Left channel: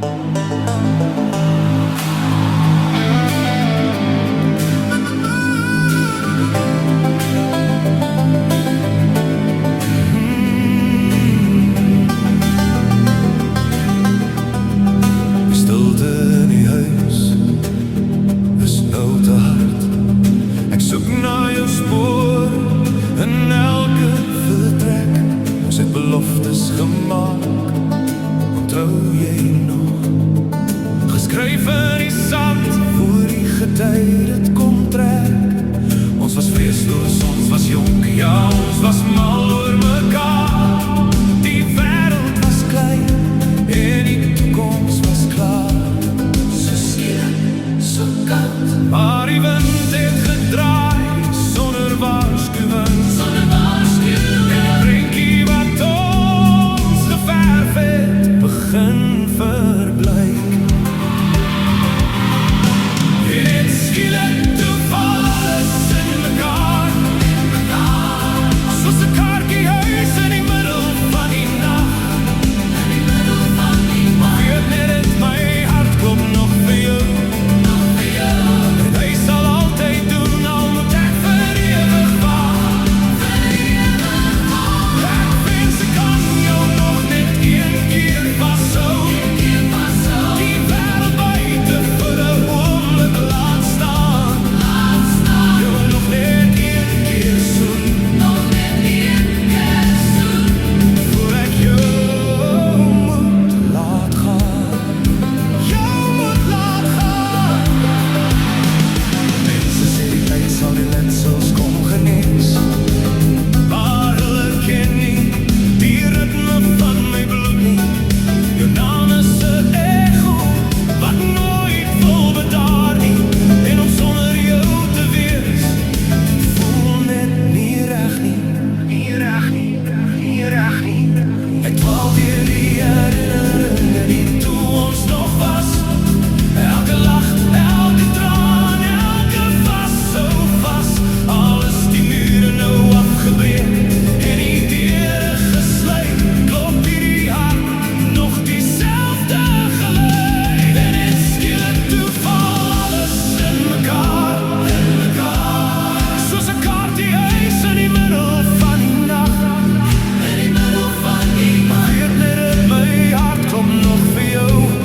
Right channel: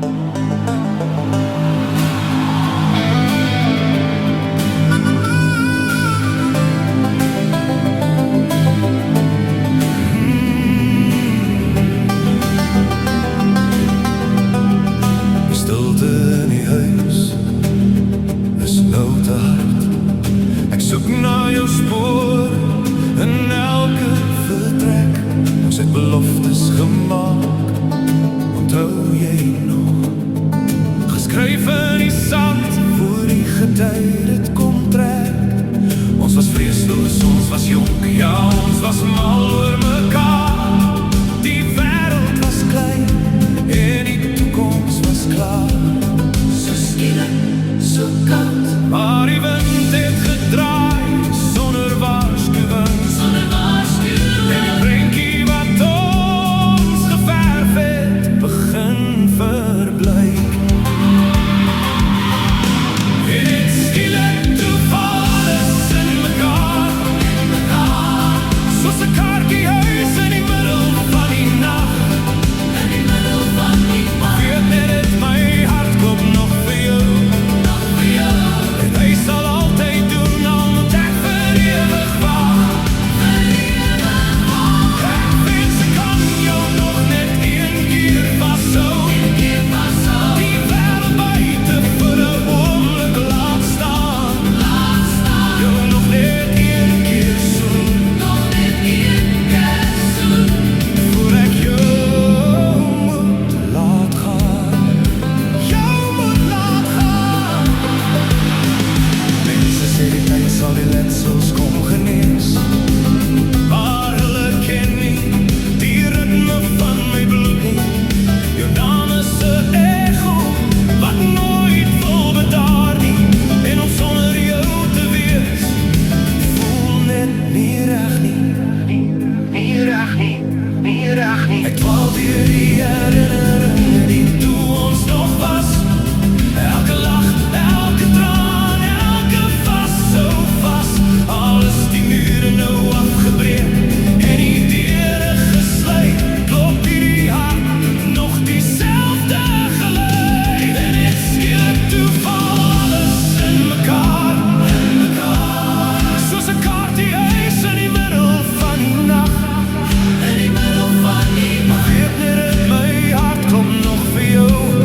Die stilte in die huis is nou te hard. Ek soek na jou spoor in elke vertrek. Ons het beloftes gemaak, onthou jy nog? Geskryf in die sand, voor die getij dit kom trek. Ons was vreesloos, ons was jonk, ja, ons was mal oor mekaar. Die wêreld was klein en die toekoms was klaar. So skielik, so koud, maar die wind het gedraai sonder waarskuwing. En die prentjie wat ons geverf het begin verblyk. En het skielik toe val alles in mekaar. Soos 'n kaartjie huis in die middel van die nag. Weet net het my hart klop nog vir jou. En hy sal altyd doen, al moet ek vir ewig wag. Ek wens ek kan jou nog net een keer vashou. Die wêreld buite vir 'n oomblik laat staan. Jou nog net een keer soen. Voor ek jou moet laat gaan. Jou moet laat gaan. Mense sê die tyd sal die letsels kom genees, maar hulle ken nie die ritme van my bloed nie. Jou naam is 'n echo wat nooit wil bedaar nie. En om sonder jou te wees voel net nie reg nie. Ek dwaal deur die herinneringe die toe ons nog was. Elke lach, elke traan, elke vas, so vas. Al is die mure nou afgebreek en die deure gesluit, klop hierdie hart nog dieselfde geluid. En het skielik toe val alles in mekaar. Soos 'n kaartjie huis in die middel van die nag. Weet net het my hart klop nog vir jou.